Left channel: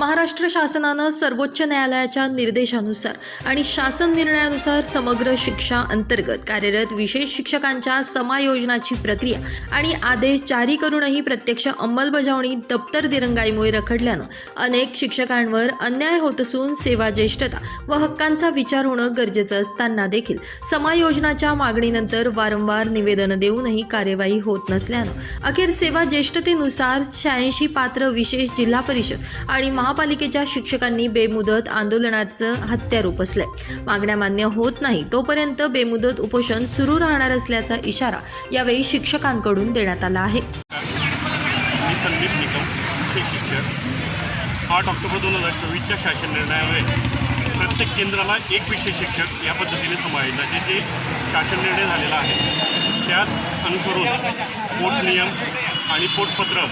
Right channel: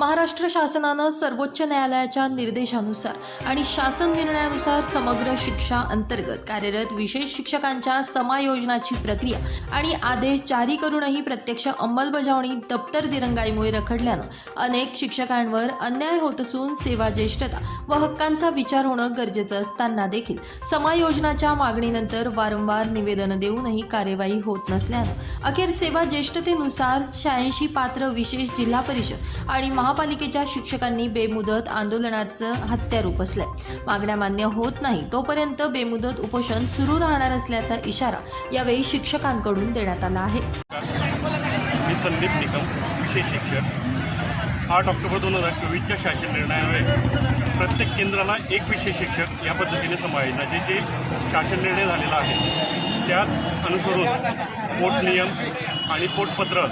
महाराष्ट्र शासनानं सर्वोच्च न्यायालयाच्या निर्देशानुसार आणि शासन निर्णयानुसार समग्र शिक्षा अंतर्गत कार्यरत विशेष शिक्षकांच्या समायोजनाची प्रक्रिया आणि आदेश जारी करूनही प्रत्यक्ष अंमलबजावणी दप्तर दिरंगाईमुळे रखडल्यानं अनेक शिक्षकांवर अन्याय होत असून सेवा ज्येष्ठता व हक्कांचा विचार होणं गरजेचं असताना देखील समायोजनाच्या मागणीनंतर वारंवार निवेदन देऊनही कार्यवाही होत नसल्यानं अखेर सेवा ज्येष्ठतेनुसार 86 पात्र विशेष जिल्हा परिषद आणि महापालिकेच्या शिक्षकांनी बेमुदत आंदोलनाचं हत्यार उपसलंय। मागण्या मान्य होत नाही तोपर्यंत बेमुदत उपोषण सुरू राहणार असल्याचा इशारा यावेळी शिक्षकांकडून देण्यात आला आहे। मी संदीप निकम, विशेष शिक्षक। 8 ऑक्टोबर 2024च्या शासन निर्णयामुळे प्रत्येक केंद्राला एक विशेष शिक्षक या पद्धतीने समायोजनाचे जे शासन निर्णय झालेला आहे त्यात अनुसरून पोट नियम आणि पोटपत्र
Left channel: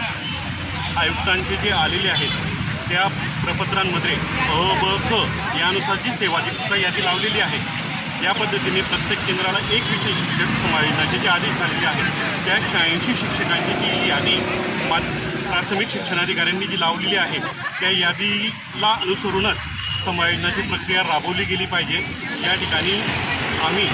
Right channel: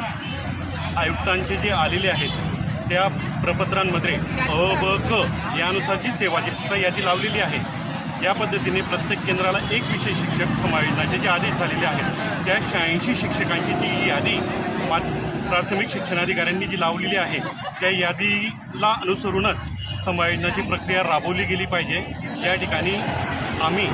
आयुक्तांचे जे आलेले आहेत त्या प्रपत्रांमध्ये अ, ब, क यानुसार जी सेवा ज्येष्ठता यादी लावलेली आहे या पद्धतीने प्रत्येक केंद्राला एक विशेष शिक्षक समायोजनाचे जे आदेश झालेले आहेत त्या 86 शिक्षकांची जी यादी प्राथमिक शिक्षणाधिकाऱ्यांनी जी लावलेली आहे त्या यादीला अनुसरूनच समायोजनाची प्रक्रिया राबवली गेली पाहिजे। या ठिकाणी आम्ही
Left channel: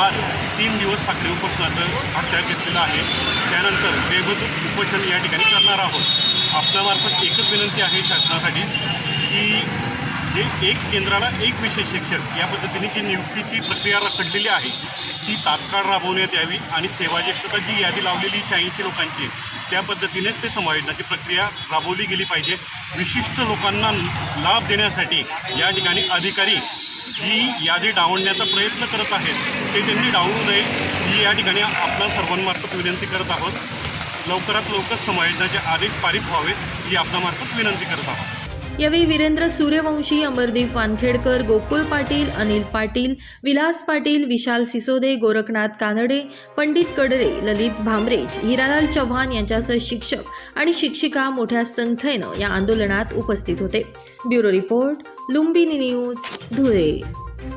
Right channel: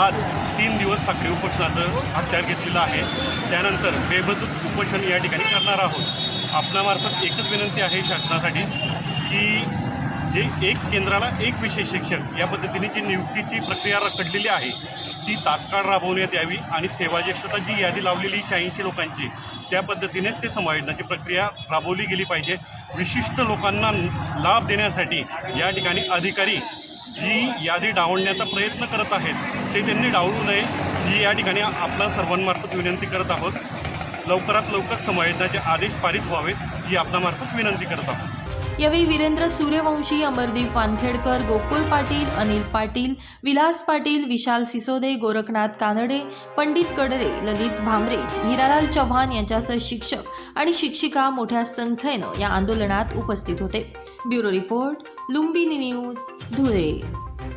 आज 3 दिवस साखळी उपोषणाचं हत्यार घेतलेलं आहे। त्यानंतर बेमुदत उपोषण या ठिकाणी करणार आहोत। आपणामार्फत एकच विनंती आहे शासनासाठी की जे एक केंद्राला एक विशेष शिक्षक या पद्धतीने जी नियुक्तीची प्रक्रिया रखडलेली आहे ती तात्काळ राबवण्यात यावी आणि सेवा ज्येष्ठता जी यादी लावलेली 86 लोकांची त्या पद्धतीनेच ते समायोजनाची प्रक्रिया राबवली गेली पाहिजे। विशिष्ट लोकांना लाभ देण्यासाठी या ठिकाणी अधिकारी जी यादी डावलण्याचा प्रयत्न करत आहेत ते त्यांनी डावलू नये ही या ठिकाणी आपल्या सर्वांमार्फत विनंती करत आहोत। लवकरात लवकर समायोजनाचे आदेश पारित व्हावेत ही आपल्यामार्फत विनंती करत आहोत। यावेळी वीरेंद्र सूर्यवंशी, अमरदीप वानखेडकर, गोकुल पाटील, अनिल पाटील, विलास पाटील, विशाल सिसोदे, गोरखनाथ कानडे, पंडित कडरे, ललित भामरे, हिरालाल चव्हाण यांच्यासह शिक्षक आणि शिक्षिका मोठ्या संख्येनं या आंदोलनात उपस्थित होते। Bureau report, Lumbini news, Dhule.